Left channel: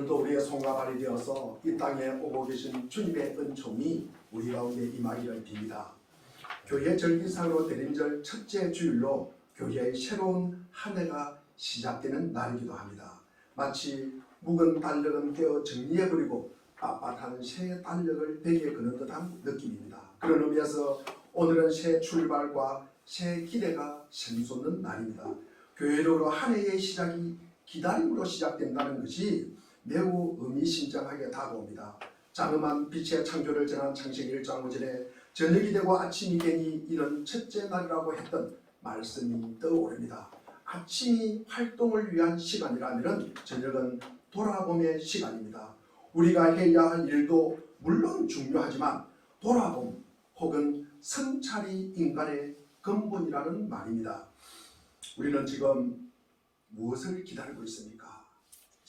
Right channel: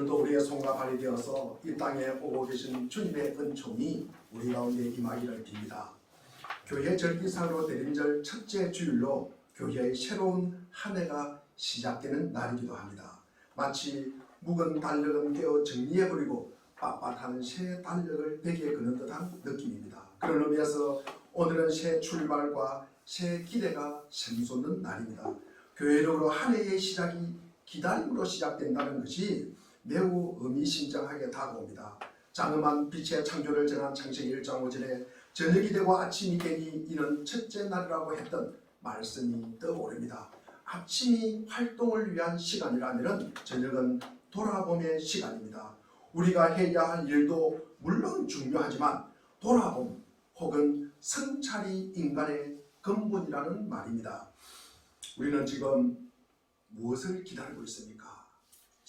오늘도 우리의 손과 발이 되어서 이 땅에 오고 계신 주님의 은총이 우리 가운데 임하기를 빕니다. 교회 절기상으로 대림절 첫째 주일로 교회의 새로운 한 해가 시작되는 날이기도 합니다. 마치 묵은 달력은 깨어 정리해버리고 빳빳한 새 달력을 베개에 거는 듯한 느낌입니다. 그런 의미에서 오늘은 새 출발과 새 기대가 샘솟는 날입니다. 교회적으로 한 해의 시작이 기다림으로 시작된다는 것이 매우 의미심장하게 다가옵니다. 장엄한 빛의 창조를 전한 창세기 1장 5절에 저녁이 되고 아침이 되니 이는 첫째 날이라고 했던 말씀이 떠오릅니다. 아침이 활동을 위한 시간이라면 저녁은 돌아봄의 시간입니다. 우리가 해야 할 일도 물론 중요하지만 돌아봄 혹은 성찰이 인간의 근본이라는 말입니다. 우리는 지금 무엇을 기다리고 있습니까?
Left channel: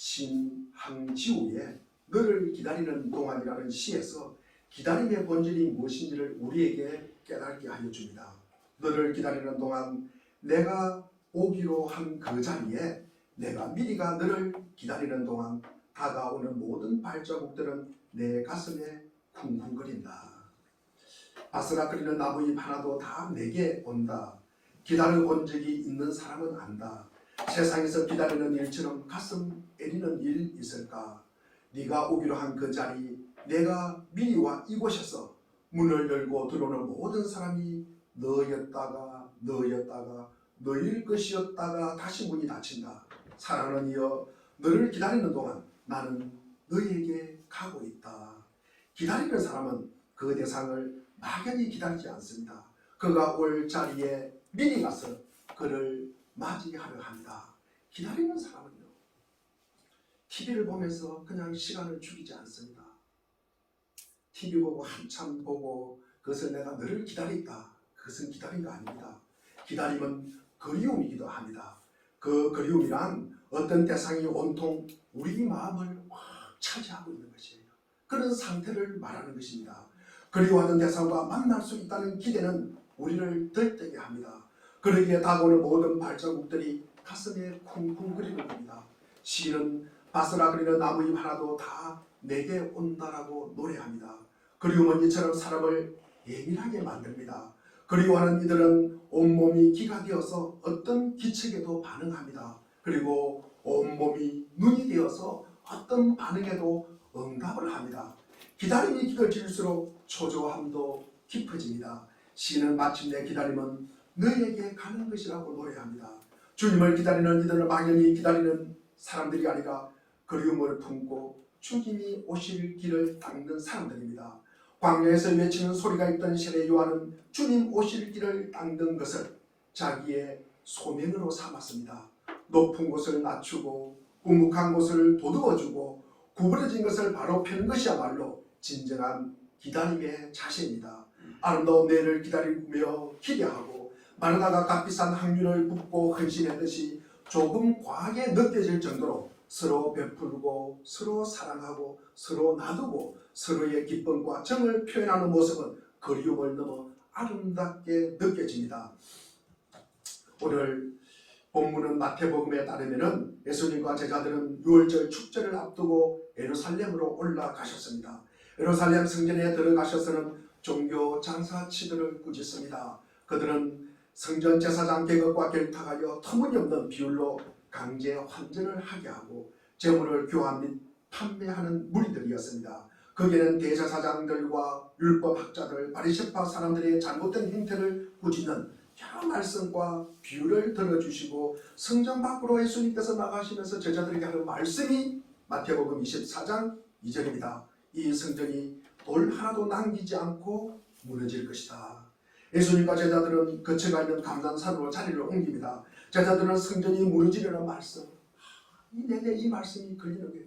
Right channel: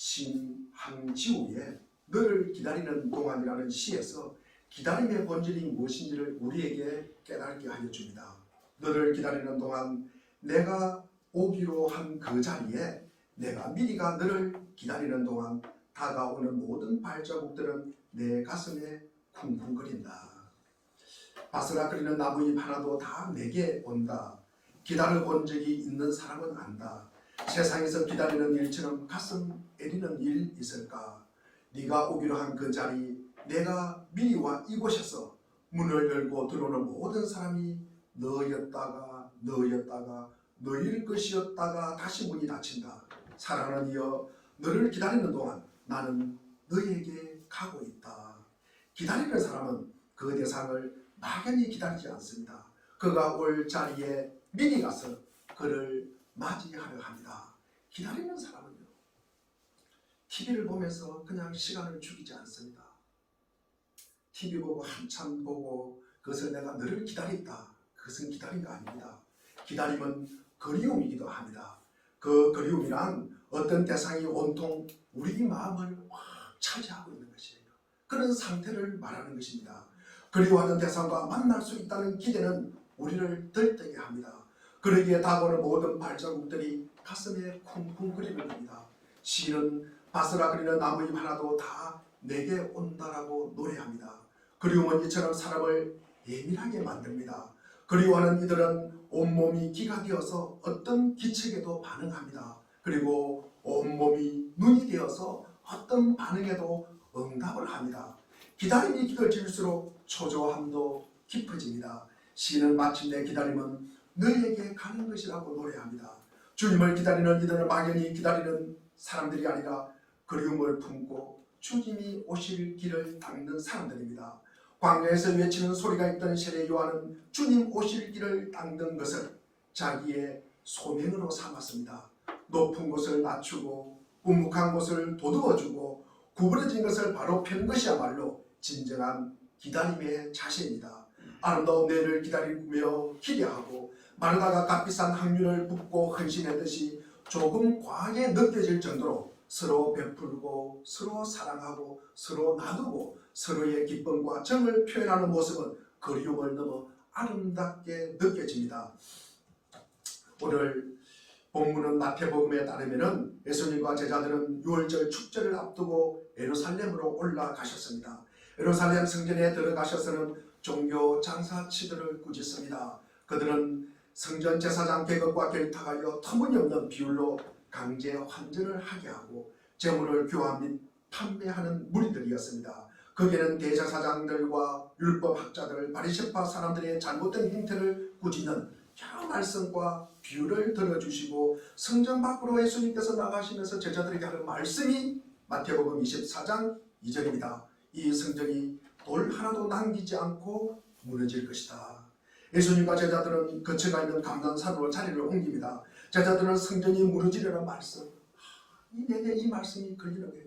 신항지우의 너를 기다리는 동안이라는 시에서 기다림의 본질이 무엇인지를 우리에게 깨닫게 하여 줍니다. 너를 기다리는 동안 내가 오기로 한 그 자리에 내가 미리가 너를 기다리는 동안 다가오는 모든 발자국들은 내 가슴에 쿵쿵거린다. 바스락거리는 나무잎 하나도 다 내게 온다. 기다려 본 적이 있는 사람은 안다. 세상에서 기다리는 일처럼 가슴 애리는 일 있을까? 네가 오기로 한 그 자리 내가 미리 와 이곳에서 문을 열고 들어오는 모든 사람이 너였다가 너일 것이었다가 다시 문이 닫힌다. 사랑하는 이여, 너를 기다리는 동안 나는 너에게 가고 있다. 기다리는 사람은 그 대상을 막연히 기다리지 않습니다. 그가 올 자리에 미리 가서 그를 맞이하려 합니다. 기다리는 사람은요, TV를 보면서 그냥 시간을 죽이지 않습니다. TV 보고 한참 보고 그것을 내가 너를 기다린다. 그것은 기다림가 아닙니다. 기다림은 그리움이기도 합니다. 그 그리움이란 어떤 대상이 온통 우리 마음을 확 차지하고 있는 것이에요. 그런 상태를 말하는 것입니다. 그리워하는 대상과 만날 수 있다는 기대는 우리를 들뜨게 합니다. 그러기에 다가오는 모든 발자국들이 가슴에 쿵쿵거리는 겁니다. 시인은 바스락거리는 나무잎 하나도 다 내게 온다라고 노래합니다. 그리움은 이처럼 사람을 예민하게 만듭니다. 그리워하는 이들은 온몸이 기가 되어서 어떤 기척에도 반응합니다. 그리고 온몸이 눈이 되어서 어떤 반응에도 응답을 합니다. 기다림이 깊어질수록 초조함도 깊어집니다. 시인은 마침내 기다림은 너에게 가는 것이라고 노래합니다. 주님을 기다리는 이들은 막연히 기다리는 사람들이 아니라 그리움을 품고 주님이 오실 길을 닦는 사람들입니다. 광야에서 외치는 소리가 있던 세례 요한은 주님 오실 길을 닦는 것을 자기의 소명으로 삼았습니다. 높은 곳을 낮추고 우묵한 곳을 도두어주고 구부러진 것을 바로 펴는 것이야말로 진정한 기다림의 자세입니다. 아름다운 내일을 기다리며 기대하고 마르다가 값비싼 항균을 붓고 헌신했듯이 조금 과하게 느껴질 정도로 서로 베풀고 서로 사랑하고 서로 나누고 서로의 기쁨과 정을 표현하는 모습은 그리움을 넘어 아름답게 느껴집니다. 오늘 본문은 마태복음에 따르면 예수님과 제자들은 유월절 축제를 앞두고 예루살렘으로 올라가셨습니다. 예루살렘 성전에 들어가셔서는 종교 장사치들을 꾸짖습니다. 그들은 성전 제사장 계급과 결탁하여 터무니없는 비율로 강제 환전을 하게 하고 재물을 교환 및 판매하는 무리들이었습니다. 거기에는 대제사장들과 율법학자들, 바리새파 사람들의 잘못된 행태를 꾸짖는 여러 말씀과 비유를 들어주시고 성전 밖으로 예수님께서 나가시면서 제자들에게 하는 말씀이 마태복음 24장 2절입니다. 이 성전이 돌 하나도 남기지 않고 무너질 것이다. 예수님과 제자들은 거쳐가 있는 감난산으로 자리를 옮깁니다. 제자들은 성전이 무너지려는 말씀, 내내 이 말씀이 걸리는 거예요.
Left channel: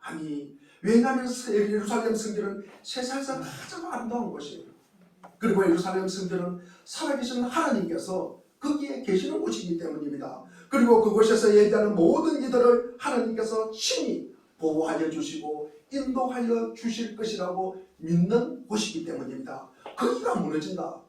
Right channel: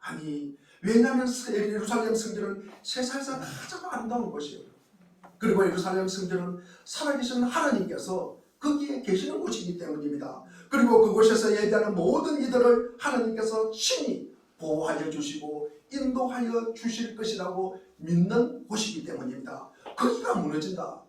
아니, 왜냐하면 예루살렘 성전은 세상에서 가장 아름다운 곳이에요. 그리고 예루살렘 성전은 살아계신 하나님께서 거기에 계시는 곳이기 때문입니다. 그리고 그곳에서 예배하는 모든 이들을 하나님께서 친히 보호하여 주시고 인도하여 주실 것이라고 믿는 곳이기 때문입니다. 거기가 무너진다.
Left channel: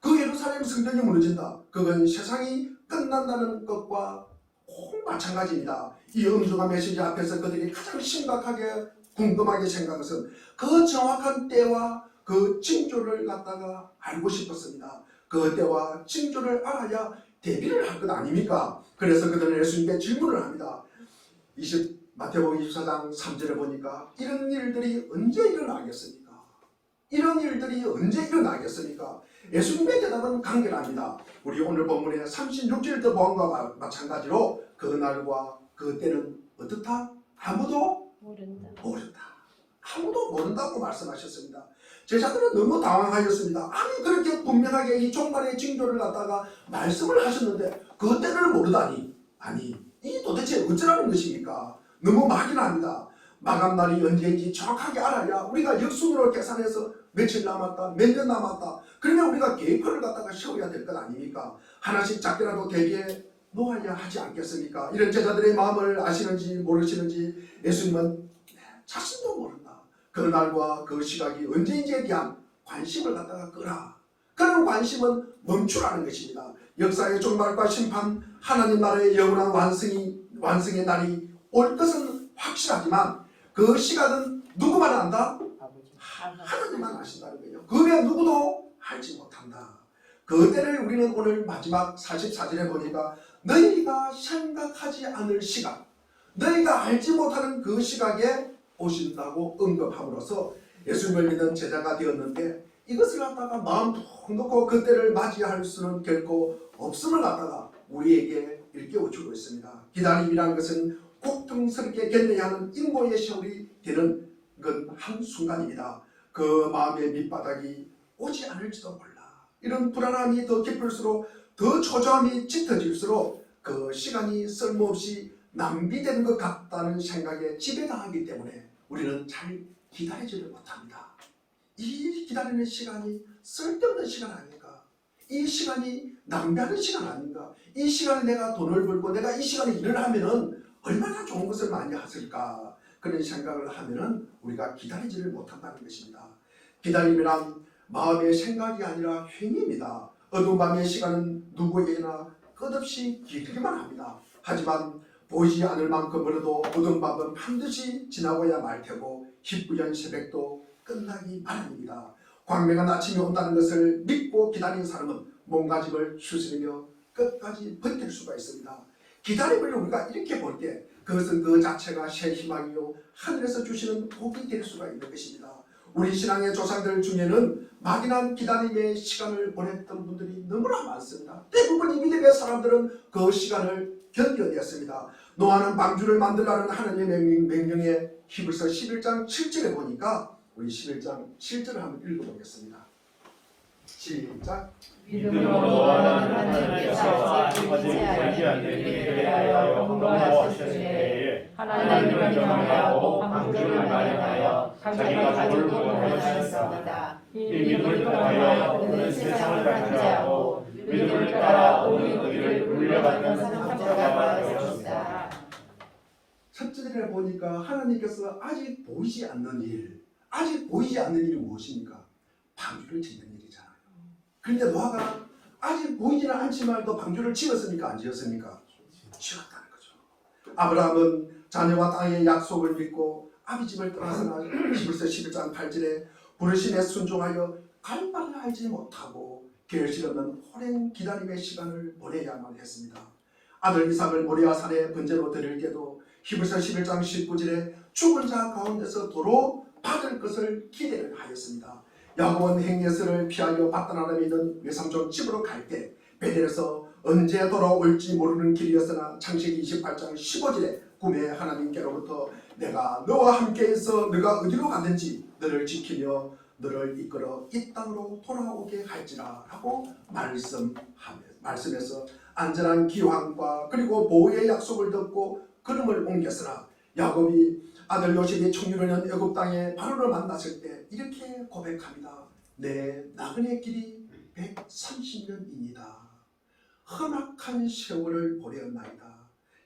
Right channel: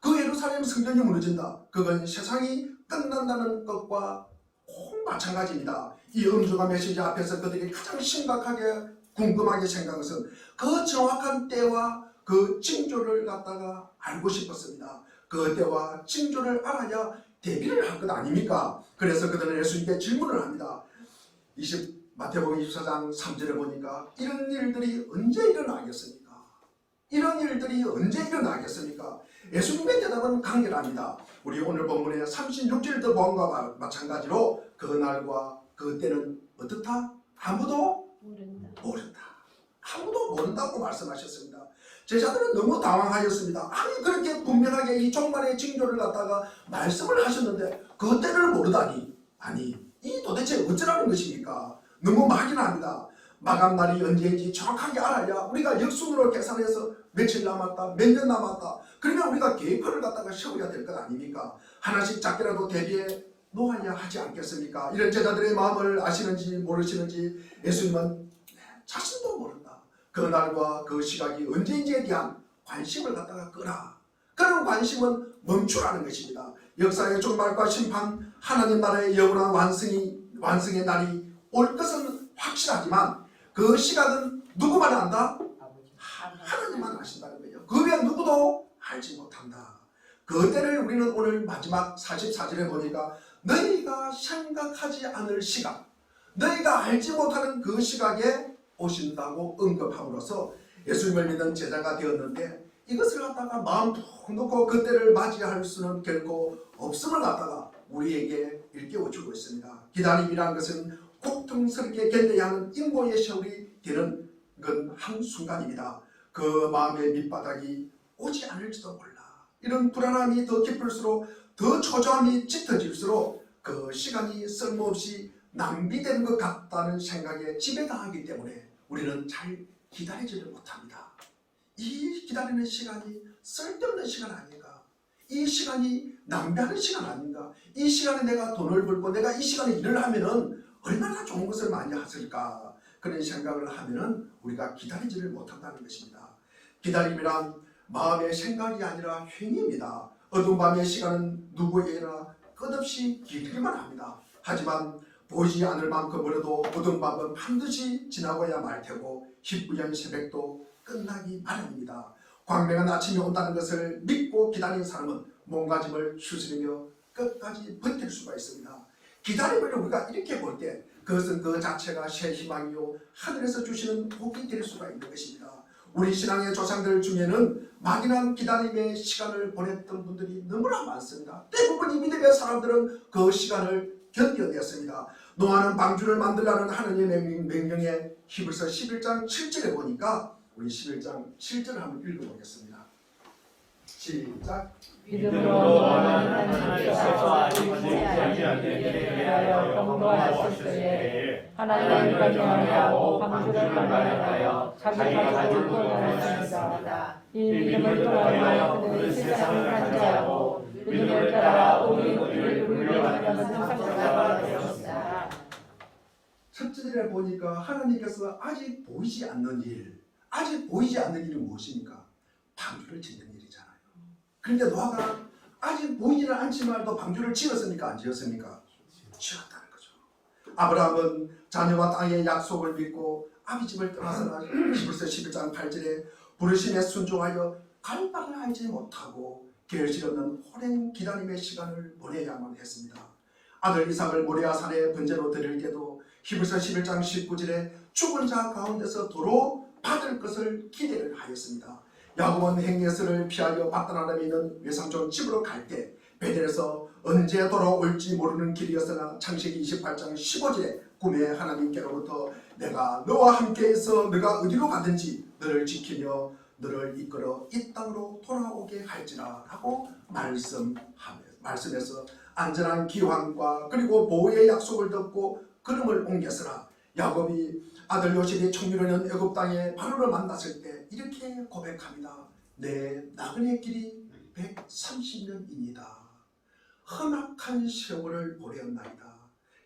그 예루살렘 성전이 무너진다. 그건 세상이 끝난다는 것과 꼭 마찬가지입니다. 이 엄중한 메시지 앞에서 그들이 가장 심각하게 궁금하게 생각한 것은 그 정확한 때와 그 징조를 갖다가 알고 싶었습니다. 그 때와 징조를 알아야 대비를 할 것 아닙니까? 그래서 그들은 예수님께 질문을 합니다. 마태복음 24장 3절에 보니까 이런 일들이 언제 일어나겠습니까? 이런 일들이 언제 일어나겠습니까? 예수님의 대답은 간결합니다. 우리 오늘 본문의 36절도 보험과 마찬가지로 그 날과 그 때는 어떻다? 아무도 모른다. 아무도 모른다고 말씀하셨습니다. 제자들은 너무 당황하였습니다. 아니 그렇게 분명하게 이 종말의 징조를 갖다가 말씀을 하셨는데 그 때를 모르다니. 아니 이 도대체 어쩌라는 것입니까? 너무 막연합니다. 마감날이 언제인지 정확하게 알아야 우리가 역순으로 계산해서 며칠 남았다, 몇 년 남았다. 그러면 우리가 계획표를 갖다가 세워야 될 것 아닙니까? 하나씩 작게라도 대비해 놓아야 하지 않겠습니까? 이런 제자들의 마음을 아시는지 모르시는지 예수님은 자신도 모른다. 그 날과 그 시각이 언제인지에 대한 관심을 갖다가 끄라. 그런 관심은 멈추라는 것입니다. 역사의 종말과 심판, 하나님 나라의 영원한 완성의 날이 올 것은 확실하지만 그 시각은 누구만 안다? 하나님만 아신다는 거예요. 그 외에 누구도 알지 못한다. 그 때를 우리는 오늘 마지막 44절에 보니까 너희가 생각하지 않을 시각, 너희가 알지 못하는 그 시각에 오신다고 언급함으로써 예수님을 믿는 제자가 되었는데 이것을 갖다가 마음 푹 놓고 그 때를 맞이할 수는 결코 없음을 갖다가 우리에게 일깨워주고 있습니다. 기다림이라는 것은 곡등스럽게 견뎌야 하는 인고의 세월이 되는 건 한순간입니다. 그 마음의 밑바닥이 오지 않을지도 몰라. 이런 불안함이 더 깊을수록 더 초조함이 짙어질수록 그 시간이 쓸모없이 낭비되는 것 같다는 생각에 지배당하기 때문에 우리는 잘 기다리지를 못합니다. 이 기다리는 시간이 쓸데없는 시간 아닌가? 이 시간이 낭비하는 시간 아닌가? 이 시간에 내가 돈을 벌고 내가 이 시간에 일을 하면은 얼마나 좋은 것을 많이 하실까? 그런 생각을 하면은 우리가 기다리지를 못한다는 것입니다. 기다림이란 마음의 생각이 아니라 행위입니다. 어두운 밤의 시간은 누구에게나 끝없이 길기만 합니다. 하지만 보이지 않을 만큼 멀어도 어두운 밤은 반드시 지나고야 말 테고 희뿌연 새벽도 끝나기 마련입니다. 광명한 아침이 온다는 것을 믿고 기다리는 사람은 몸가짐을 추스리며 끝까지 버틸 수가 있습니다. 기다림을 우리가 이렇게 볼 때 그것은 그 자체가 새 희망이요 하늘에서 주시는 복이 될 수가 있는 것입니다. 우리 신앙의 조상들 중에는 막연한 기다림의 시간을 보냈던 분들이 너무나 많습니다. 대부분 이 믿음의 사람들은 그 시간을 견뎌냈습니다. 노아는 방주를 만들라는 하나님의 명령에 히브리서 11장 7절에 보니까 우리 11장 7절을 한번 읽어보겠습니다. 시작. 믿음으로 하나님께서 아직까지 보이지 않는 대하여 공부하셨으니 하나님을 경외하고 방주를 마련하여 자기가 돌을 보내셨습니다. 이 믿음을 통하여 그는 세상을 관대하고 믿음을 따라 온 의를 물려받는 상속자가 되었습니다. 첫 절에 보니까 하나님께서 아직 보이지 않는 일, 아직 보이지 않는 일이 무엇입니까? 방주를 짓는 일이잖아요. 그런데 노아가 아직 보이지는 않지만 또 방주를 지었습니까? 안 지었습니까? 지었다는 거죠. 아브라함은 자녀와 땅의 약속을 믿고 아비집을 떠나서나 히브리서 11장 8절에 부르심에 순종하여 갈 바를 알지 못하고 결실 없는 오랜 기다림의 시간을 보내야만 했습니다. 아들 이삭을 모리아 산에 번제로 드릴 때도 히브리서 11장 19절에 죽은 자 가운데서 도로 받을 것을 기대를 하였습니다. 야곱은 행예스를 피하려 바다나람에 있는 외삼촌 집으로 갈 때 베델에서 언제 돌아올지 모르는 길이었으나 창세기 28장 15절에 꿈에 하나님께로부터 내가 너와 함께 있어 너가 어디로 가든지 너를 지키며 너를 이끌어 이 땅으로 돌아오게 할지라 라고 말씀해서 안전한 기환과 그리고 보호의 약속을 듣고 걸음을 옮겼으나 야곱이 아들 요셉이 청유하는 애굽 땅에 바로를 만났을 때 이렇게 고백합니다. 내 나그네 길이 130년입니다. 험악한 세월을 보냈나이다.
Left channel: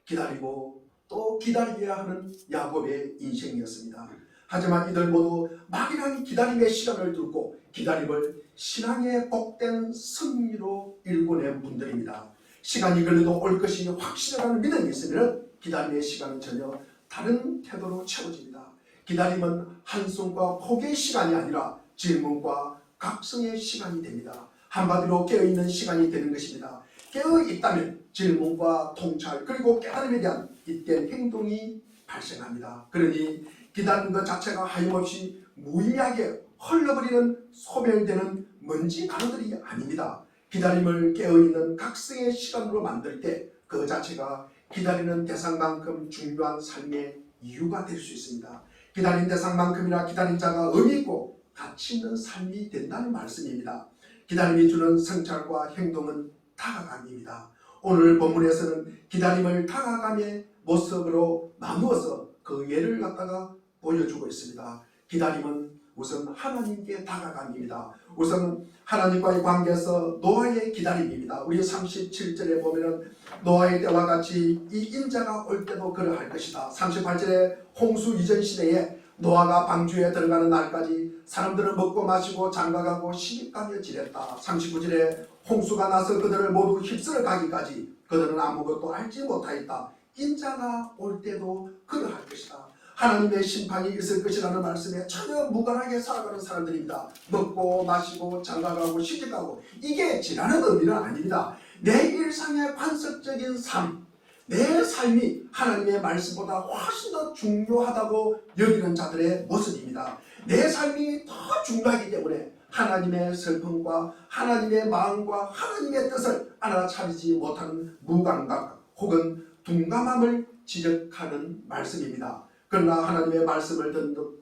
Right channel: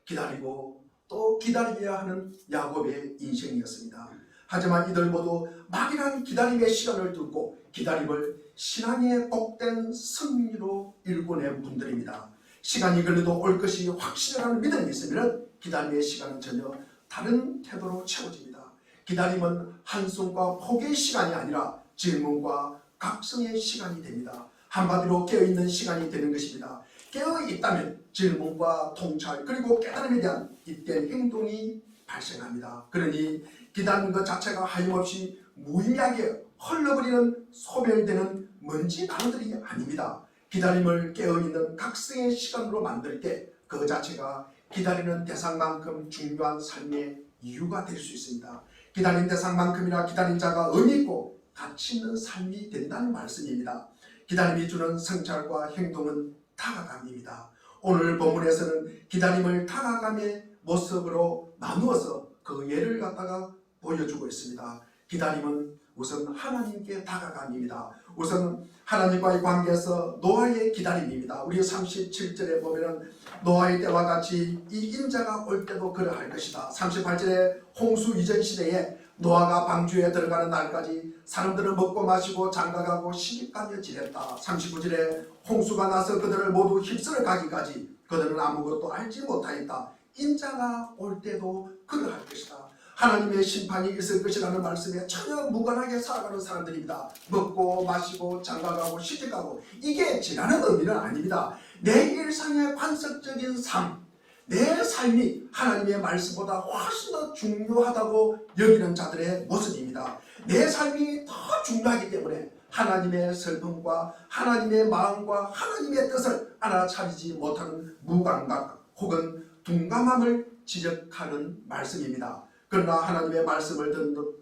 기다리고 또 기다려야 하는 야곱의 인생이었습니다. 하지만 이들 모두 막연한 기다림의 시간을 두고 기다림을 신앙의 복된 승리로 일궈낸 분들입니다. 시간이 걸려도 올 것이 확실하다는 믿음이 있으면 기다림의 시간은 전혀 다른 태도로 채워집니다. 기다림은 한숨과 포기의 시간이 아니라 질문과 각성의 시간이 됩니다. 한마디로 깨어있는 시간이 되는 것입니다. 깨어있다면 질문과 통찰 그리고 깨달음에 대한 잇된 행동이 발생합니다. 그러니 기다리는 것 자체가 하염없이 무의미하게 흘러버리는 소멸되는 먼지 단어들이 아닙니다. 기다림을 깨어있는 각성의 시간으로 만들 때 그 자체가 기다리는 대상만큼 중요한 삶의 이유가 될 수 있습니다. 기다린 대상만큼이나 기다린 자가 의미있고 가치 있는 삶이 된다는 말씀입니다. 기다림이 주는 성찰과 행동은 다가감입니다. 오늘 본문에서는 기다림을 다가감의 모습으로 나누어서 그 예를 갖다가 보여주고 있습니다. 기다림은 우선 하나님께 다가감입니다. 우선 하나님과의 관계에서 노아의 기다림입니다. 우리 37절에 보면은 노아의 때와 같이 이 인자가 올 때도 그러할 것이다. 38절에 홍수 이전 시대에 노아가 방주에 들어가는 날까지 사람들은 먹고 마시고 장가가고 시집가며 지냈다. 39절에 홍수가 나서 그들을 모두 휩쓸어 가기까지 그들은 아무것도 알지 못하였다. 인자가 올 때도 그러할 것이다. 하나님의 심판이 있을 것이라는 말씀에 전혀 무관하게 살아가는 사람들입니다. 먹고 마시고 장가가고 시집가고 이게 지나는 의미는 아닙니다. 내 일상의 관습적인 삶, 내 삶이 하나님의 말씀보다 훨씬 더 중요하다고 여기는 자들의 모습입니다. 내 삶이 더 중요하기 때문에 하나님의 슬픔과 하나님의 마음과 하나님의 뜻을 알아차리지 못하는 무감각 혹은 둔감함을 지적하는 말씀입니다. 그러나 하나님의 말씀을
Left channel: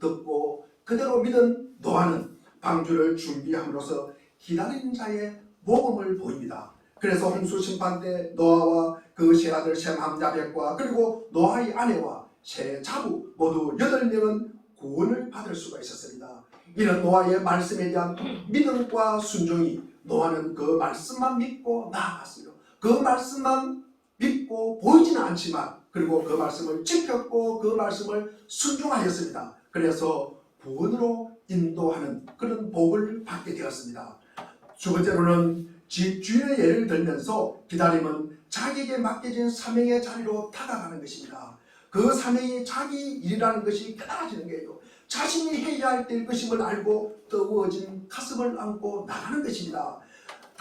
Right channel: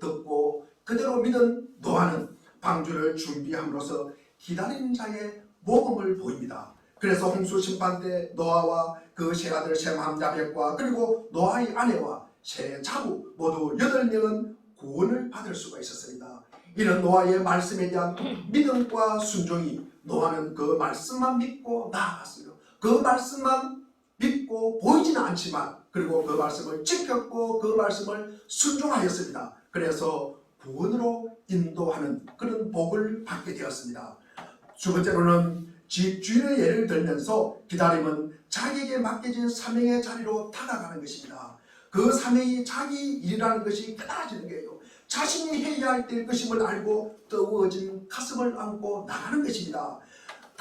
듣고 그대로 믿은 노아는 방주를 준비함으로써 기다리는 자의 모범을 보입니다. 그래서 홍수 심판 때 노아와 그 세 아들 셈, 함, 야벳과 그리고 노아의 아내와 세 자부 모두 8명은 구원을 받을 수가 있었습니다. 이런 노아의 말씀에 대한 믿음과 순종이 노아는 그 말씀만 믿고 나아갔으며 그 말씀만 믿고 보이지는 않지만 그리고 그 말씀을 지켰고 그 말씀을 순종하였습니다. 그래서 구원으로 인도하는 그런 복을 받게 되었습니다. 두 번째로는 집주인의 예를 들면서 기다림은 자기에게 맡겨진 사명의 자리로 다가가는 것입니다. 그 사명이 자기 일이라는 것이 깨달아지는 거예요. 자신이 해야 할 때일 것임을 알고 뜨거워진 가슴을 안고 나가는 것입니다.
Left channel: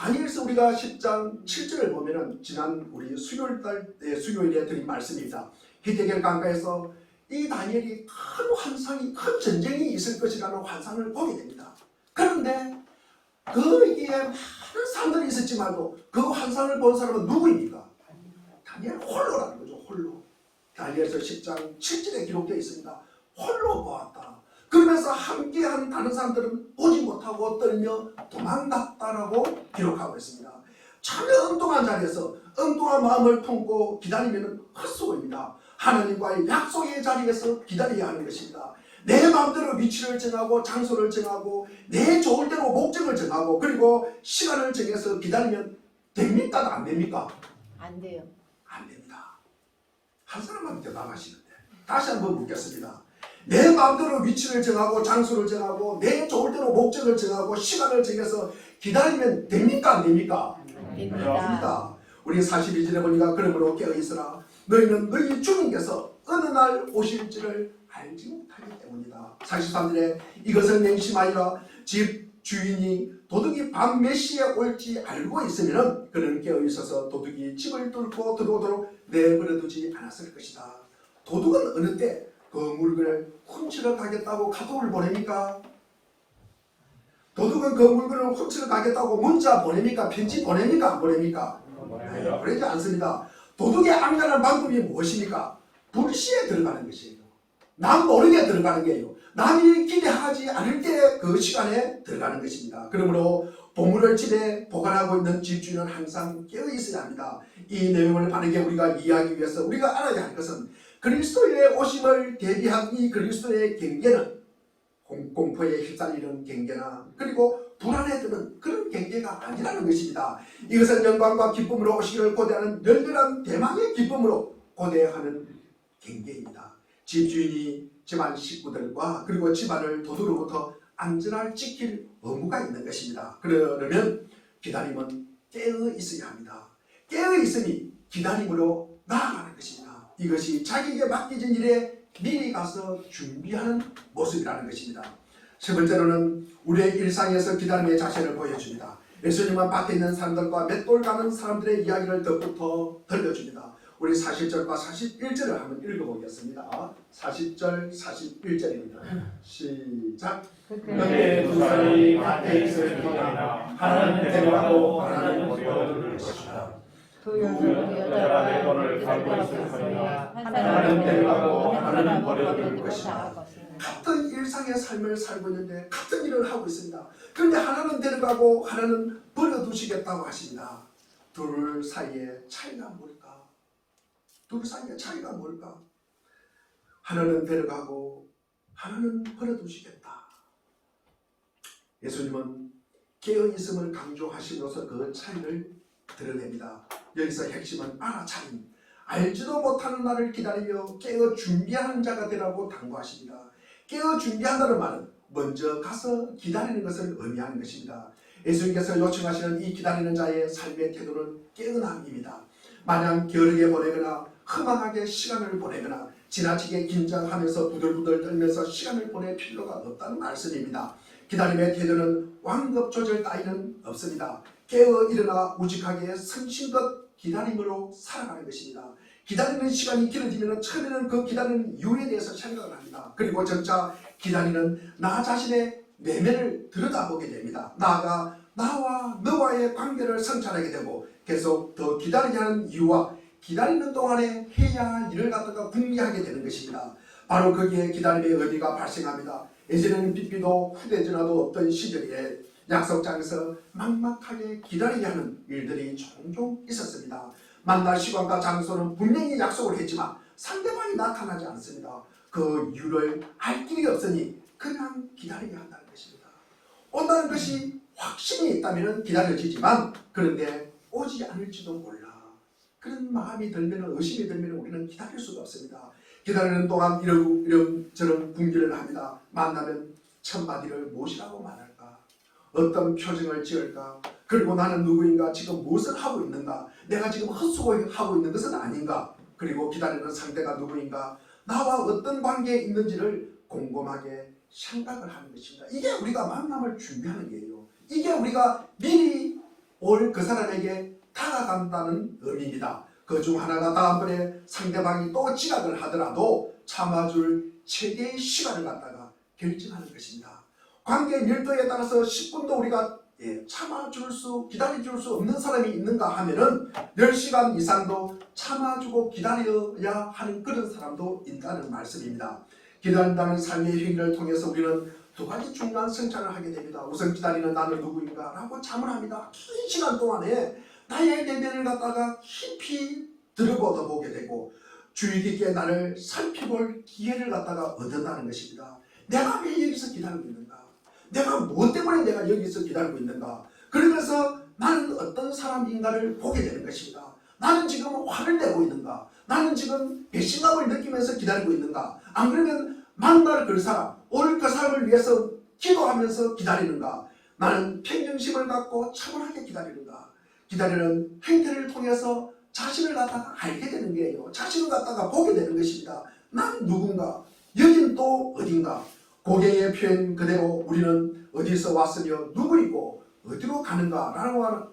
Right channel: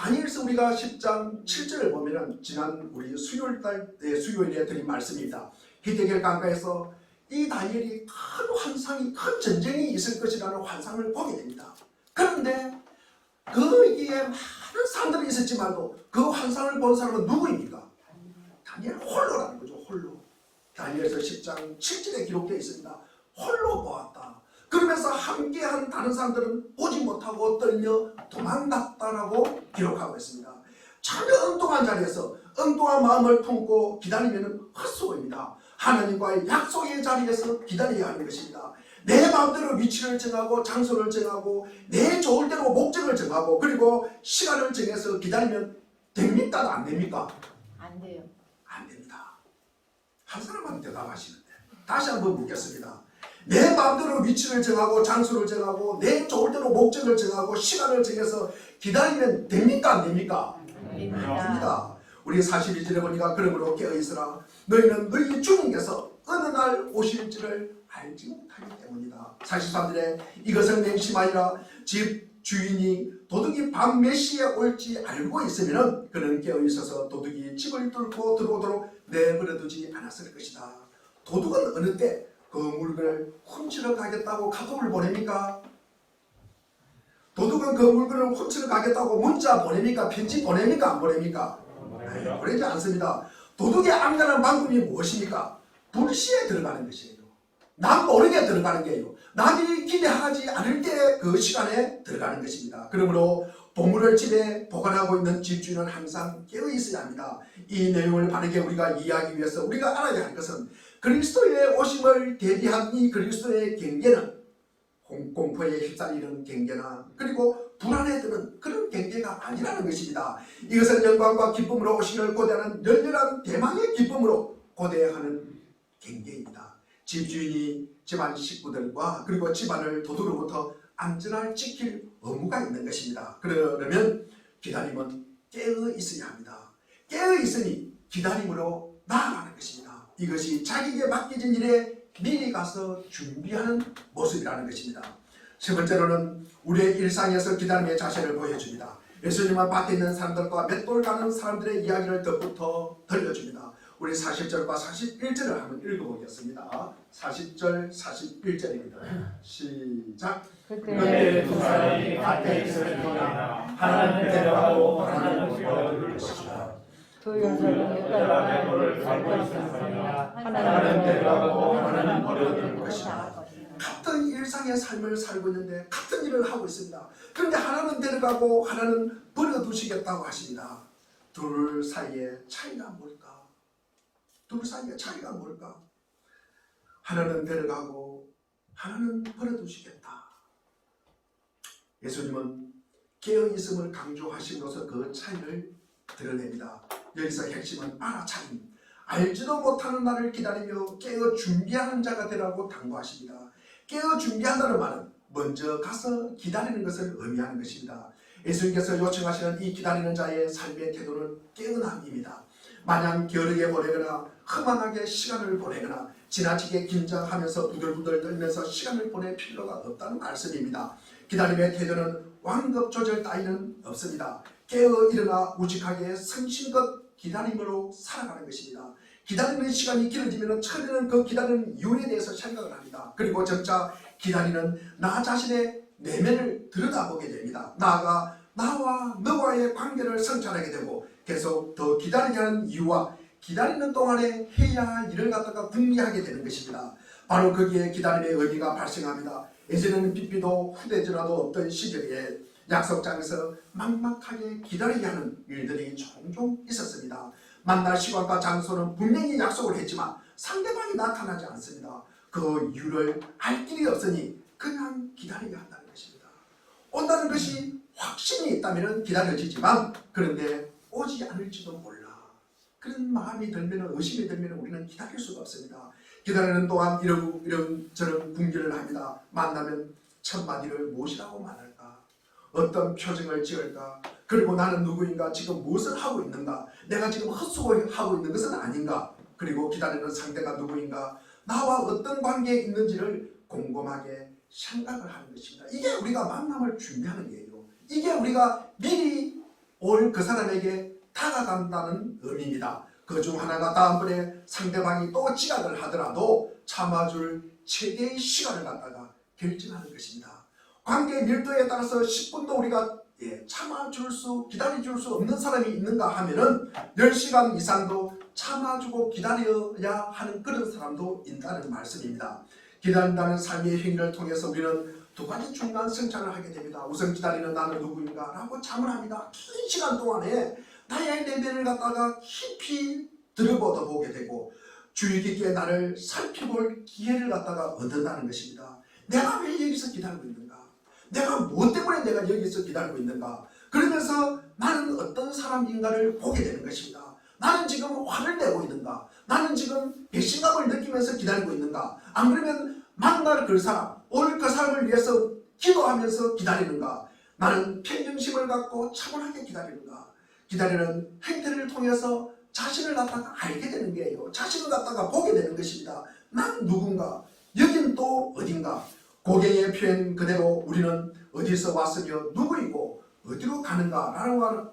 다니엘서 우리가 10장 7절을 보면은 지난 우리 수요일에 드린 말씀입니다. 히데겔 강가에서 이 다니엘이 큰 환상이 큰 전쟁이 있을 것이라는 환상을 보게 됩니다. 그런데 거기에 많은 사람들이 있었지만도 그 환상을 본 사람은 누구입니까? 다니엘 홀로라는 거죠. 홀로. 다니엘서 10장 7절에 기록되어 있습니다. 홀로 보았다. 그러면서 함께한 다른 사람들은 보지 못하고 떨며 도망갔다라고 기록하고 있습니다. 전혀 엉뚱한 자리에서 엉뚱한 마음을 품고 기다리면 헛수고입니다. 하나님과의 약속의 자리에서 기다려야 하는 것입니다. 내 마음대로 위치를 정하고 장소를 정하고 내 좋을 대로 목적을 정하고 그리고 시간을 정해서 기다리면 됩니까? 안 됩니까? 안 돼요. 안 됩니다. 한 사람만 대답하시는데 다시 한번 묻겠습니다. 내 마음대로 위치를 정하고 장소를 정하고 내 좋을 대로 목적을 정하고 시간을 정해서 기다리면 됩니까? 안 됩니까? 안 됩니다. 우리 42절에 보니까 그러므로 깨어있으라 너희는 너희 주님께서 어느 날 오실지를 알지 못하기 때문이다. 43절에 이것을 맹심하리라 집 주인이 도둑이 밤 몇 시에 올지 알고 있으면 그는 깨어있어서 도둑이 집을 뚫고 들어오도록 내버려두지 않았을 것이다. 도둑은 어느 때 그 물건을 훔치러 가겠다고 카톡을 보냅니까? 도둑은 그 물건을 훔치러 가겠다고 문자 보냅니까? 편지 보냅니까? 안 보냅니까? 보내지 않습니다. 도둑의 안간한 방법이 무엇입니까? 불시에 들어가는 것이에요. 남 모르게 들어가는 게요. 남이 기대하지 않을 때 그 시간에 들어가는 것입니다. 그러므로 보물을 집에 보관하고 있는 집주인은 항상 깨어 있어야 합니다. 이 내용을 바르게 우리가 이해하기 위해서 우리가 알아야 할 것은 그리스도의 오심을 대비한 이 그리스도의 경계는 공포에 휩싸이는 경계나 그리고 불안에 드는 그런 경계가 아니라는 것입니다. 이것은 영광과 기쁨으로 오시기를 고대하는 열렬한 대망의 기쁨으로 고대하는 경계입니다. 집주인이 집안 식구들과 그리고 집안을 도둑으로부터 안전하게 지킬 의무가 있는 것입니다. 그러려면 기다림은 깨어 있어야 합니다. 깨어 있으니 기다림으로 나아가는 것입니다. 이것이 자기에게 맡겨진 일에 미리 가서 준비하는 모습이라는 것입니다. 세 번째로는 우리의 일상에서 기다림의 자세를 보여줍니다. 예수님은 밖에 있는 사람들과 맷돌 가는 사람들의 이야기를 덧붙여 들려줍니다. 우리 40절과 41절을 한번 읽어보겠습니다. 40절, 41절입니다. 시작. 그때 두 사람이 밭에 있으리라. 하나는 데려가고 하나는 버려둘 것이다. 두 여자가 너를 가고 있으리라. 하나는 데려가고 하나는 버려둘 것이다. 같은 일상의 삶을 살고 있는데 같은 일을 하고 있습니다. 그런데 하나는 데려가고 하나는 버려두시겠다고 하십니다. 둘 사이의 차이가 뭘까? 둘 사이의 차이가 뭘까? 하나는 데려가고 하나는 버려두시겠다. 예수님은 깨어있음을 강조하심으로써 그 차이를 드러냅니다. 여기서 핵심은 알아차림. 알지도 못하는 날을 기다리며 깨어 준비하는 자가 되라고 당부하십니다. 깨어 준비한다는 말은 먼저 가서 기다리는 것을 의미하는 것입니다. 예수님께서 요청하시는 이 기다리는 자의 삶의 태도는 깨어남입니다. 마냥 게으르게 보내거나 허망하게 시간을 보내거나 지나치게 긴장하면서 부들부들 떨면서 시간을 보낼 필요가 없다는 말씀입니다. 기다림의 태도는 완급 조절 따위는 없습니다. 깨어 일어나 우직하게 성심껏 기다림으로 살아가는 것입니다. 기다리는 시간이 길어지면 처음에는 그 기다리는 이유에 대해서 생각을 합니다. 그리고 점차 기다리는 나 자신의 내면을 들여다보게 됩니다. 나아가 나와 너와의 관계를 성찰하게 되고 계속 더 기다리게 하는 이유와 기다리는 동안에 해야 할 일을 갖다가 궁리하게 되는 것입니다. 바로 거기에 기다림의 의미가 발생합니다. 예전에는 빚비도 후대전화도 없던 시절에 약속장에서 막막하게 기다리게 하는 일들이 종종 있었습니다. 만날 시간과 장소는 분명히 약속을 했지만 상대방이 나타나지 않습니다. 그 이유를 알 길이 없으니 그냥 기다리게 한다는 것입니다. 온다는 것이 확신이 있다면 기다려지지만 그런데 오지 않을지도 몰라. 그런 마음이 들면 의심이 들면 우리는 기다릴 수가 없습니다. 기다리는 동안 이런저런 궁리를 합니다. 만나면 첫마디를 무엇이라고 말할까? 어떤 표정을 지을까? 그리고 나는 누구인가? 지금 무엇을 하고 있는가? 내가 지금 헛수고하고 있는 것은 아닌가? 그리고 기다리는 상대가 누구인가? 나와 어떤 관계에 있는지를 곰곰하게 생각을 하는 것입니다. 이게 우리가 만남을 준비하는 거예요. 이게 우리가 미리 올 그 사람에게 다가간다는 의미입니다. 그 중 하나가 다음번에 상대방이 또 지각을 하더라도 참아줄 최대의 시간을 갖다가 결정하는 것입니다. 관계의 밀도에 따라서 10분도 우리가 기다려줄 수 없는 사람이 있는가 하면은 10시간 이상도 참아주고 기다려야 하는 그런 사람도 있다는 말씀입니다. 기다린다는 삶의 행위를 통해서 우리는 두 가지 중요한 성찰을 하게 됩니다. 우선 기다리는 나는 누구인가 라고 자문합니다. 긴 시간 동안에 나의 내면을 갖다가 깊이 들여다보게 되고 주의 깊게 나를 살펴볼 기회를 갖다가 얻는다는 것입니다. 내가 왜 여기서 기다리고 있는가? 내가 무엇 때문에 내가 여기서 기다리고 있는가? 그러면서 나는 어떤 사람인가를 보게 되는 것입니다. 나는 지금 화를 내고 있는가? 나는 지금 배신감을 느끼면서 기다리고 있는가? 안 그러면 만날 그 사람, 오늘 그 사람을 위해서 기도하면서 기다리는가? 나는 평정심을 갖고 차분하게 기다리는가? 기다리는 행태를 통해서 자신을 갖다가 알게 되는 거예요. 자신을 갖다가 보게 되는 것입니다. 난 누군가? 여긴 또 어딘가? 고개의 표현 그대로 우리는 어디서 왔으며 누구이고 어디로 가는가?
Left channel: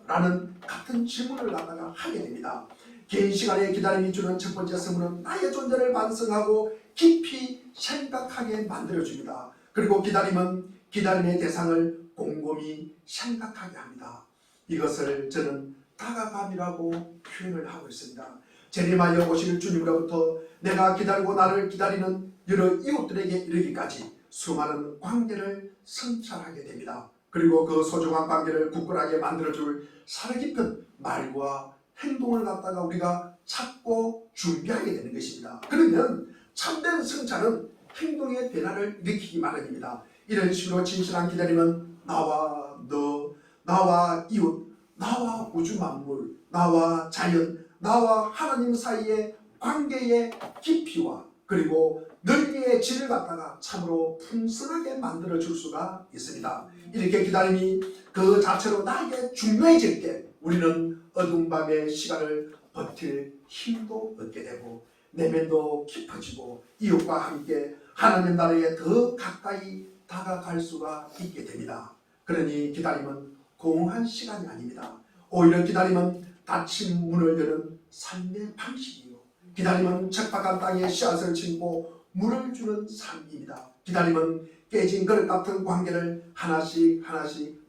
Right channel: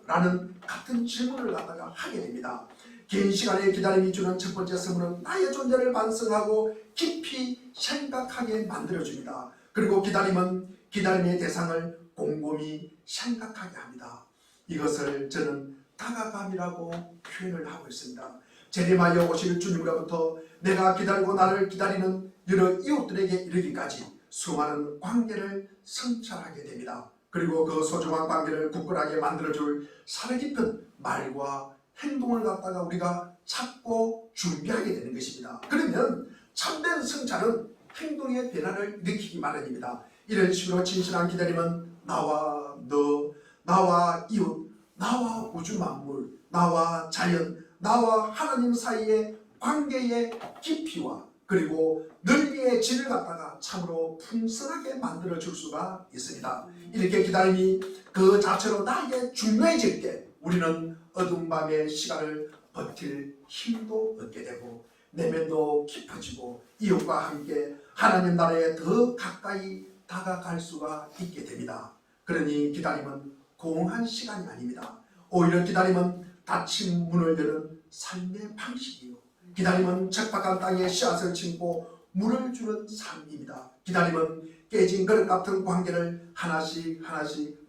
라는 같은 질문을 갖다가 하게 됩니다. 긴 시간의 기다림이 주는 첫 번째 선물은 나의 존재를 반성하고 깊이 생각하게 만들어줍니다. 그리고 기다림은 기다림의 대상을 곰곰이 생각하게 합니다. 이것을 저는 다가감이라고 표현을 하고 있습니다. 재림하여 오실 주님으로부터 내가 기다리고 나를 기다리는 여러 이웃들에게 이르기까지 수많은 관계를 성찰하게 됩니다. 그리고 그 소중한 관계를 굳건하게 만들어줄 살깊은 말과 행동을 갖다가 우리가 찾고 준비하게 되는 것입니다. 그러면 참된 성찰은 행동의 변화를 일으키기 마련입니다. 이런 식으로 진실한 기다림은 나와 너, 나와 이웃, 나와 우주 만물, 나와 자연, 나와 하나님 사이의 관계의 깊이와 그리고 넓이의 질을 갖다가 참으로 풍성하게 만들어줄 수가 있습니다. 이렇게 기다림이 그 자체로 나에게 중요해질 때 우리는 어두운 밤의 시간을 버틸 힘도 얻게 되고 내면도 깊어지고 이웃과 함께 하나님 나라에 더 가까이 다가갈 수가 있게 됩니다. 그러니 기다림은 공허한 시간이 아닙니다. 오히려 기다림은 닫힌 문을 여는 삶의 방식이에요. 기다림은 척박한 땅에 씨앗을 심고 물을 주는 삶입니다. 기다림은 깨진 그릇 같은 관계를 하나씩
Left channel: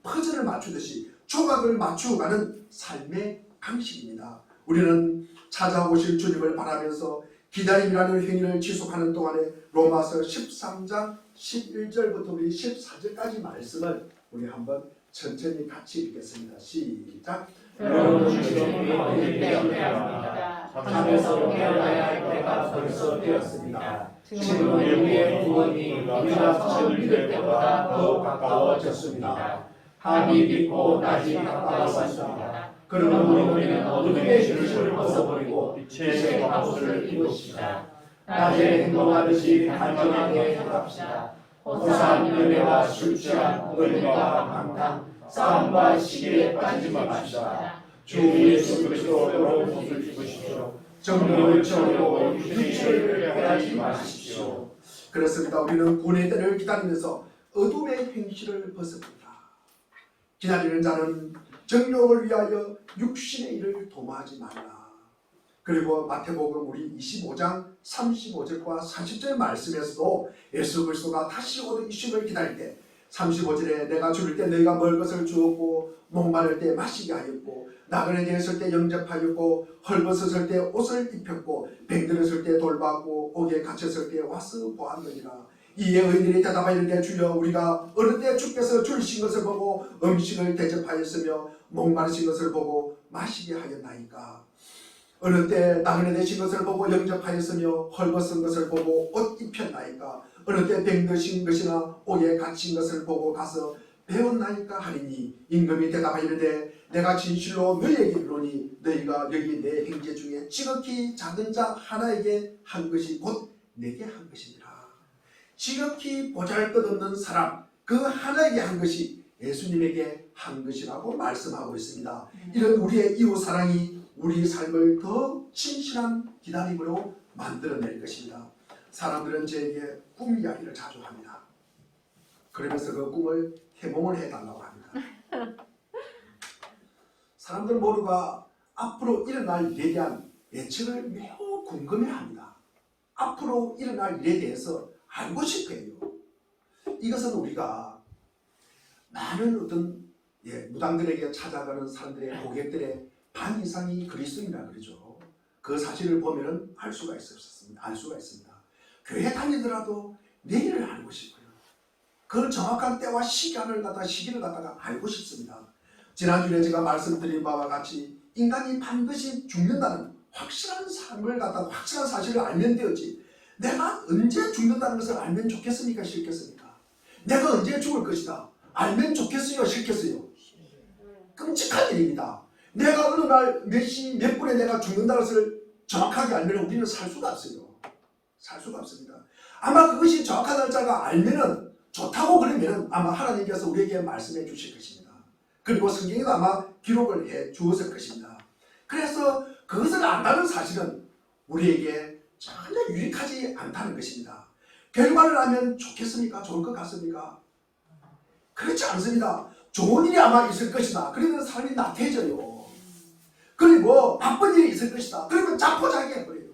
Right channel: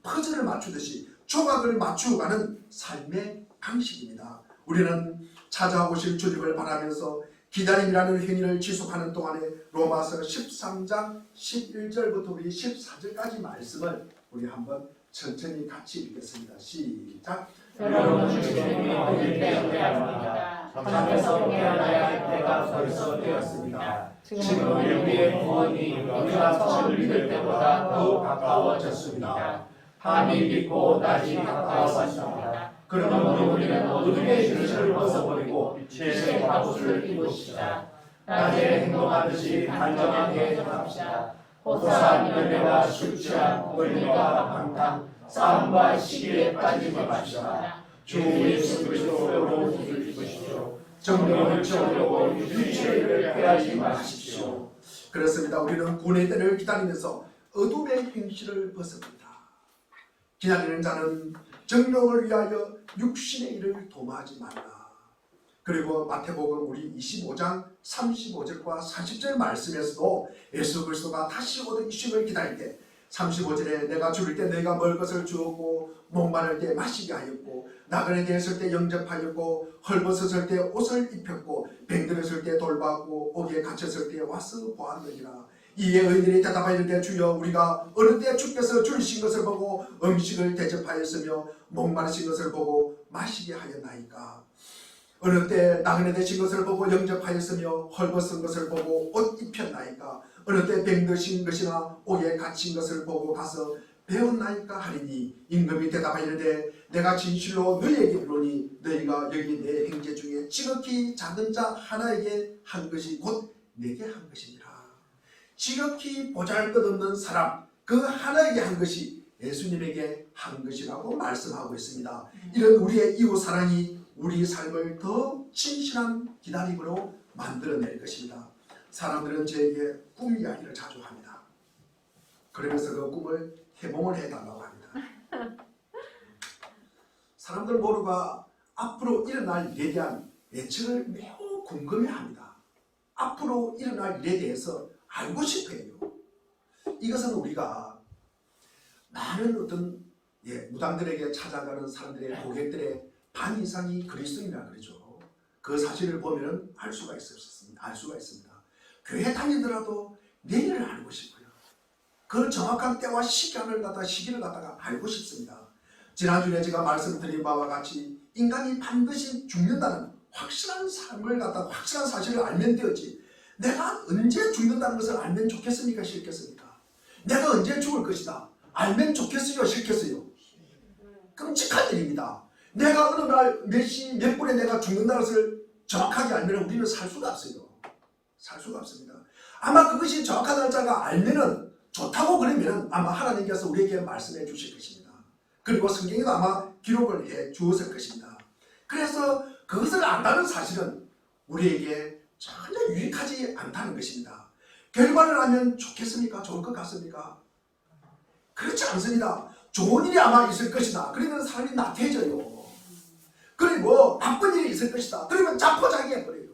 퍼즐을 맞추듯이 조각을 맞추어가는 삶의 방식입니다. 우리는 찾아오실 주님을 바라면서 기다림이라는 행위를 지속하는 동안에 로마서 13장 11절부터 우리 14절까지 말씀을 우리 한번 천천히 같이 읽겠습니다. 시작. 여러분 지금 우리를 깨어나야 합니다. 잠에서 깨어나야 할 때가 벌써 되었습니다. 지금은 우리의 구원이 우리가 처음 믿을 때보다 더욱 가까워졌습니다. 밤이 깊고 낮이 가까웠습니다. 그러므로 우리는 어둠의 휴식을 벗어버리고 빛의 갑옷을 입읍시다. 낮에 행동하듯이 단정하게 행합시다. 호산, 연애와 술 취함, 권리와 방탕, 싸움과 시기에 빠지지 마십시다. 주 예수 그리스도로 옷을 입으십시오. 정욕을 채우려고 육체를 빼앗지 마십시오. 그렇습니다. 우리는 구원의 때를 기다리면서 어둠의 행실을 벗어버린다. 기다리는 자는 정욕을 위하여 육신의 일을 도모하지 말라. 그리고 마태복음 우리 25장 35절과 40절 말씀에서도 예수 그리스도가 다시 오는 이심을 기다릴 때 35절에 내가 줄일 때 너희가 먹을 것을 주었고 목마를 때 마시게 하였고 나그네 되었을 때 영접하였고 헐벗었을 때 옷을 입혔고 병들었을 때 돌봤고 옥에 갇혔을 때 와서 보았느니라. 이에 의인들이 대답하여 이르되 주여 우리가 어느 때 주께서 줄이신 것을 보고 음식을 대접하였으며 목마르신 것을 보고 마시게 하였나이까. 어느 때 나그네 되신 것을 보고 영접하였으며 헐벗은 것을 보고 옷 입혔나이까. 어느 때 병드신 것이나 옥에 갇힌 것을 보고 가서 배웠나이까 하리니 임금이 대답하여 이르되 내가 진실로 너희에게 이르노니 너희가 여기 내 형제 중에 지극히 작은 자 하나에게 한 것이 곧 내게 한 것이니라. 지극히 보잘것없는 사람 그 하나에게 한 것이 예수님에게 한 것이라고 말씀하고 있습니다. 이런 우리의 이웃 사랑이 우리 삶을 더 진실한 기다림으로 만들어낼 것입니다. 사람들은 저에게 꿈 이야기를 자주 합니다. 그러면서 그 꿈을 해몽을 해달라고 합니다. 사람들 모두가 앞으로 일어날 일에 대한 예측을 매우 궁금해합니다. 앞으로 일어날 일에 대해서 알고 싶어요. 이것은 우리가 많은 어떤 무당들에게 찾아가는 사람들의 고객들의 반 이상이 그리스도인이라 그러죠. 그 사실을 보면은 알 수가 있습니다. 교회 다니더라도 내일을 알고 싶어요. 그 정확한 때와 시기를 갖다가 알고 싶습니다. 지난주에 제가 말씀드린 바와 같이 인간이 반드시 죽는다는 확실한 삶을 갖다가 확실한 사실을 알면 되었지. 내가 언제 죽는다는 것을 알면 좋겠습니까? 싫겠습니까? 내가 언제 죽을 것이다. 알면 좋겠어요? 싫겠어요? 끔찍한 일입니다. 내가 어느 날 몇 시 몇 분에 내가 죽는다는 것을 정확하게 알면 우리는 살 수가 없어요. 살 수가 없습니다. 아마 그것이 정확한 날짜가 알면은 좋다고 그러면은 아마 하나님께서 우리에게 말씀해 주실 것입니다. 그리고 성경에도 아마 기록을 해 주었을 것입니다. 그래서 그것을 안다는 사실은 우리에게 전혀 유익하지 않다는 것입니다. 결과를 알면 좋겠습니까? 좋을 것 같습니까? 그렇지 않습니다. 좋은 일이 아마 있을 것이다. 그러면 사람이 나태해져요. 그리고 나쁜 일이 있을 것이다. 그러면 자포자기해버려요.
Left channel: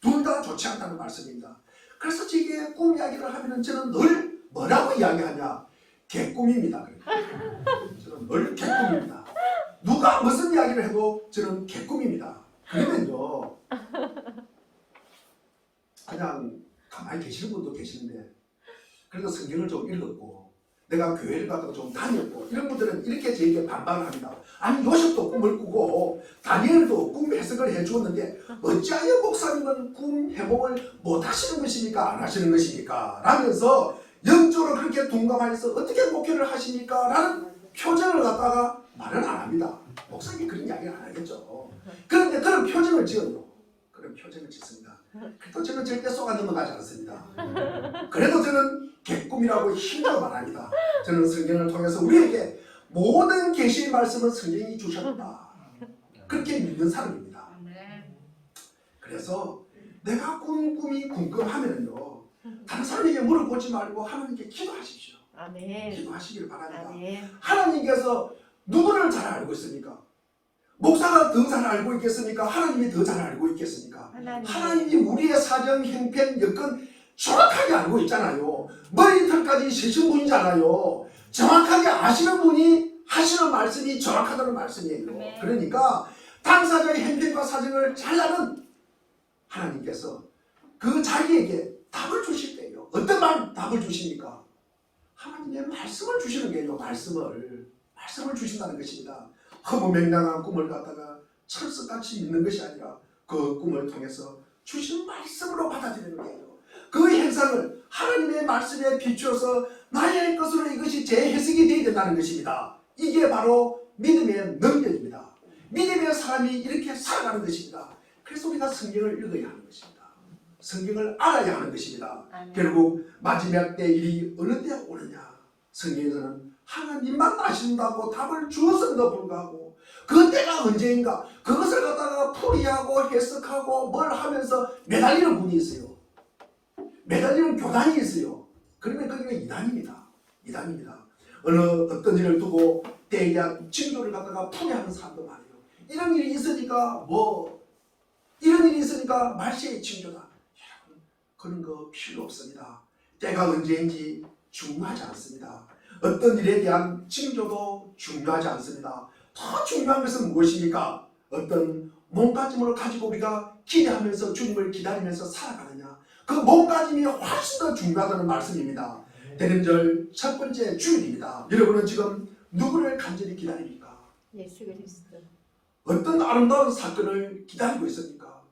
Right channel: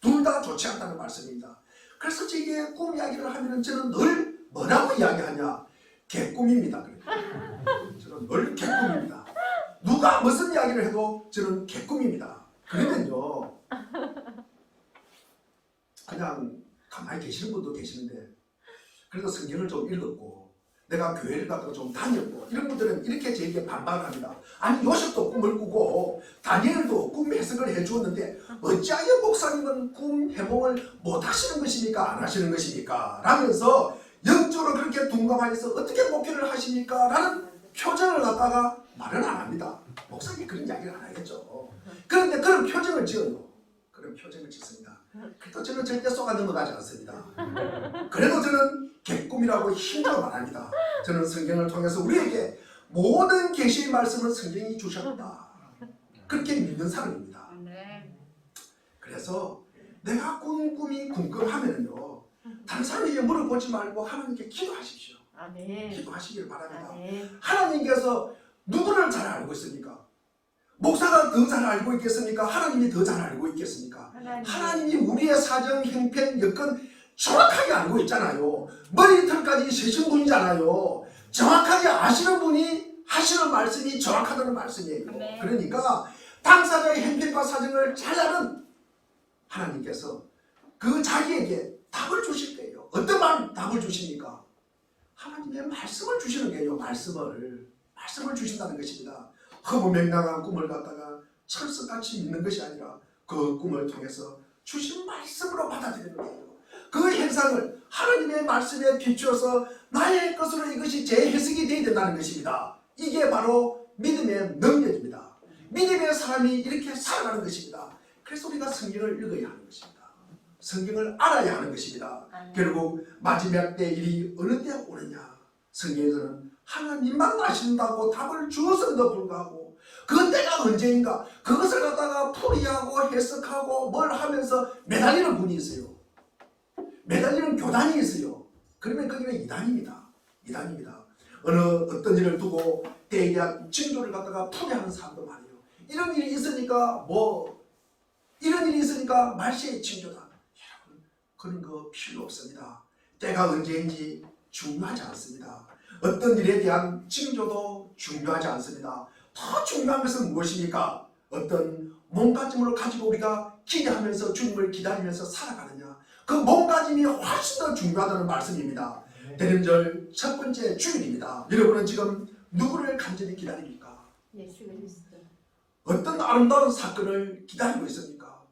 둘 다 좋지 않다는 말씀입니다. 그래서 제게 꿈 이야기를 하면 저는 늘 뭐라고 이야기하냐? 개꿈입니다. 저는 늘 개꿈입니다. 누가 무슨 이야기를 해도 저는 개꿈입니다. 그러면요 그냥 가만히 계시는 분도 계시는데 그래도 성경을 좀 읽었고 내가 교회를 가다가 좀 다녔고 이런 분들은 이렇게 저에게 반발을 합니다. 아니 요셉도 꿈을 꾸고 다니엘도 꿈 해석을 해주었는데 어찌하여 목사님은 꿈 해몽을 못 하시는 것입니까? 안 하시는 것입니까? 라면서 영적으로 그렇게 둔감하여서 어떻게 목회를 하십니까? 라는 표정을 갖다가 말은 안 합니다. 목사님이 그런 이야기를 안 하겠죠. 그런데 그런 표정을 지어요. 그런 표정을 짓습니다. 그래도 저는 절대 쏘아 넘어가지 않습니다. 그래도 저는 개꿈이라고 힘들어 말합니다. 저는 성경을 통해서 우리에게 모든 계시의 말씀은 성경이 주셨다. 그렇게 믿는 사람입니다. 그래서 내가 꾼 꿈이 궁금하면요, 다른 사람에게 물어보지 말고 하나님께 기도하십시오. 아멘. 기도하시길 바랍니다. 아멘. 하나님께서 누구를 잘 알고 있습니까? 목사가 더 잘 알고 있겠습니까? 하나님이 더 잘 알고 있겠습니까? 하나님이 우리의 사정, 형편, 여건 정확하게 알고 있잖아요. 머리털까지 세신 분이잖아요. 정확하게 아시는 분이 하시는 말씀이 정확하다는 말씀이에요. 네. 그러니까 당사자의 형편과 사정을 잘 아는 하나님께서 그 자기에게 답을 주실 때예요. 어떤 답을 주십니까? 하나님의 말씀을 주시는 거예요. 말씀을 주신다는 것입니다. 허무맹랑한 꿈을 갖다가 철석같이 믿는 것이 아니라 그 꿈을 통해서 주신 말씀으로 받아들이는 거예요. 그 현상을 하나님의 말씀에 비추어서 나의 것으로 이것이 재해석이 되어야 된다는 것입니다. 이게 바로 믿음의 능력입니다. 믿음의 사람이 이렇게 살아가는 것입니다. 그래서 우리가 성경을 읽어야 하는 것입니다. 성경을 알아야 하는 것입니다. 결국 마지막 때 일이 어느 때 오느냐, 성경에서는 하나님만 아신다고 답을 주었음에도 불구하고 그 때가 언제인가 그것을 갖다가 풀이하고 해석하고 뭘 하면서 매달리는 분이 있어요. 매달리는 교단이 있어요. 그러면 거기는 이단입니다. 어떤 일을 두고 때에 대한 징조를 갖다가 풀이하는 사람도 많아요. 이런 일이 있으니까 말세의 징조다. 여러분, 그런 거 필요 없습니다. 때가 언제인지 중요하지 않습니다. 어떤 일에 대한 징조도 중요하지 않습니다. 더 중요한 것은 무엇입니까? 어떤 몸가짐을 가지고 우리가 기대하면서 주님을 기다리면서 살아가느냐, 그 몸가짐이 훨씬 더 중요하다는 말씀입니다. 대림절 첫 번째 주일입니다. 여러분은 지금 누구를 간절히 기다립니까? 예수 그리스도. 어떤 아름다운 사건을 기다리고 있습니까?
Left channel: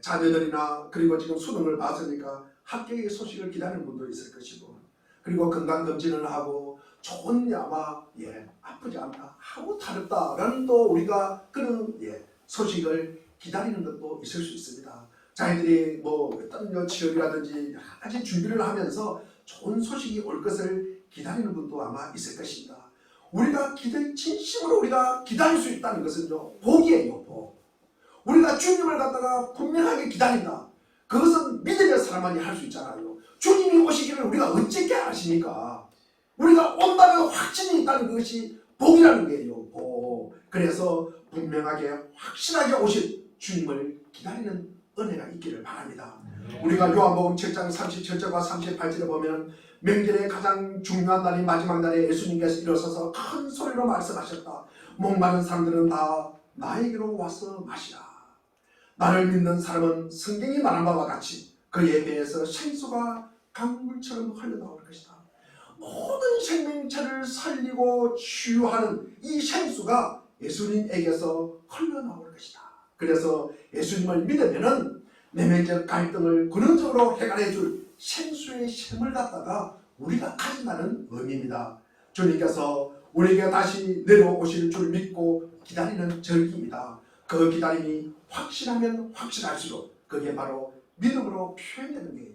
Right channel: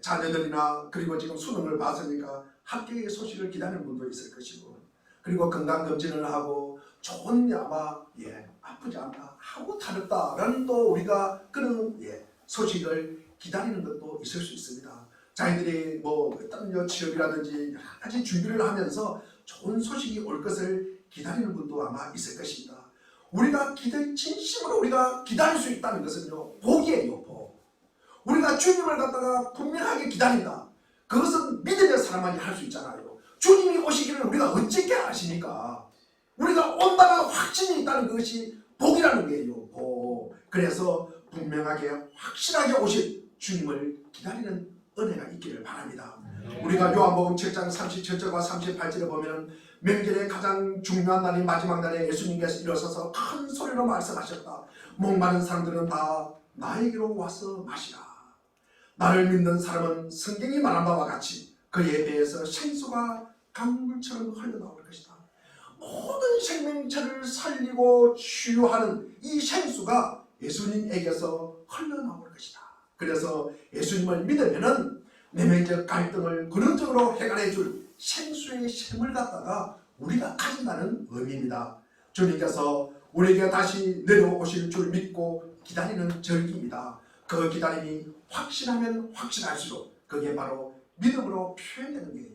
자녀들이나 그리고 지금 수능을 봤으니까 합격의 소식을 기다리는 분도 있을 것이고, 그리고 건강검진을 하고 좋은 아마 아프지 않다, 아무 다르다라는 또 우리가 그런 소식을 기다리는 것도 있을 수 있습니다. 자기들이 어떤 취업이라든지 여러 가지 준비를 하면서 좋은 소식이 올 것을 기다리는 분도 아마 있을 것입니다. 우리가 진심으로 우리가 기다릴 수 있다는 것은요, 복이에요, 복. 우리가 주님을 갖다가 분명하게 기다린다. 그것은 믿음의 사람만이 할 수 있잖아요. 주님이 오시기를 우리가 어떻게 아십니까? 우리가 온다는 확신이 있다는 것이 복이라는 거예요, 복. 그래서 분명하게 확실하게 오실 주님을 기다리는 은혜가 있기를 바랍니다. 우리가 요한복음 7장 37절과 38절에 보면 명절의 가장 중요한 날인 마지막 날에 예수님께서 일어서서 큰 소리로 말씀하셨다. 목마른 사람들은 다 나에게로 와서 마시라. 나를 믿는 사람은 성경이 말한 바와 같이 그의 배에서 생수가 강물처럼 흘러나올 것이다. 모든 생명체를 살리고 치유하는 이 생수가 예수님에게서 흘러나올 것이다. 그래서 예수님을 믿으면은 내면적 갈등을 근원적으로 해결해 줄 생수의 샘을 갖다가 우리가 가진다는 의미입니다. 주님께서 우리에게 다시 내려오실 줄 믿고 기다리는 절기입니다. 그 기다림이 확신하면 확신할수록 그게 바로 믿음으로 표현되는 거예요.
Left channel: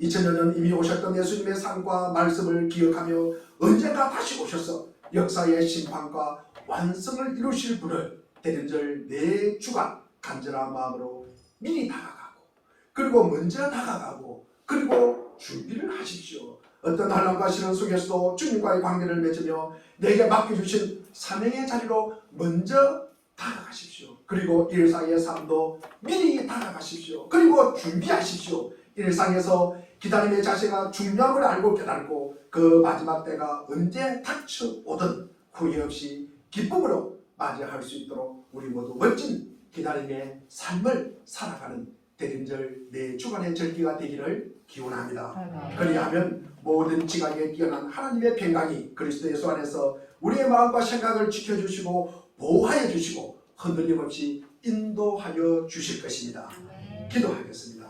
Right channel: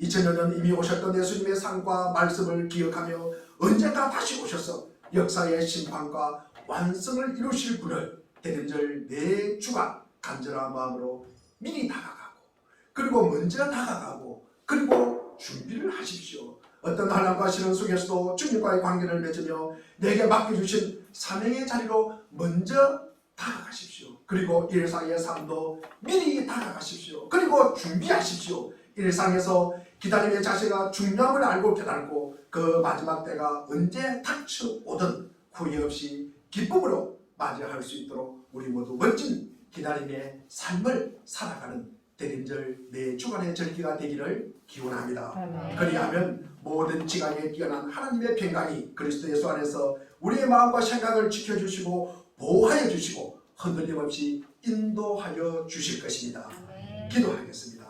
2000여 년 이미 오셨던 예수님의 삶과 말씀을 기억하며 언젠가 다시 오셔서 역사의 심판과 완성을 이루실 분을 대림절 4주간 간절한 마음으로 미리 다가가고, 그리고 먼저 다가가고, 그리고 준비를 하십시오. 어떤 환난과 시련 속에서도 주님과의 관계를 맺으며 내게 맡겨주신 사명의 자리로 먼저 다가가십시오. 그리고 일상의 삶도 미리 다가가십시오. 그리고 준비하십시오. 일상에서 기다림의 자세가 중요함을 알고 깨닫고 그 마지막 때가 언제 닥쳐오든 후회 없이 기쁨으로 맞이할 수 있도록 우리 모두 멋진 기다림의 삶을 살아가는 대림절 4주간의 절기가 되기를 기원합니다. 그리하면 모든 지각에 뛰어난 하나님의 평강이 그리스도 예수 안에서 우리의 마음과 생각을 지켜주시고 보호하여 주시고 흔들림 없이 인도하여 주실 것입니다. 기도하겠습니다.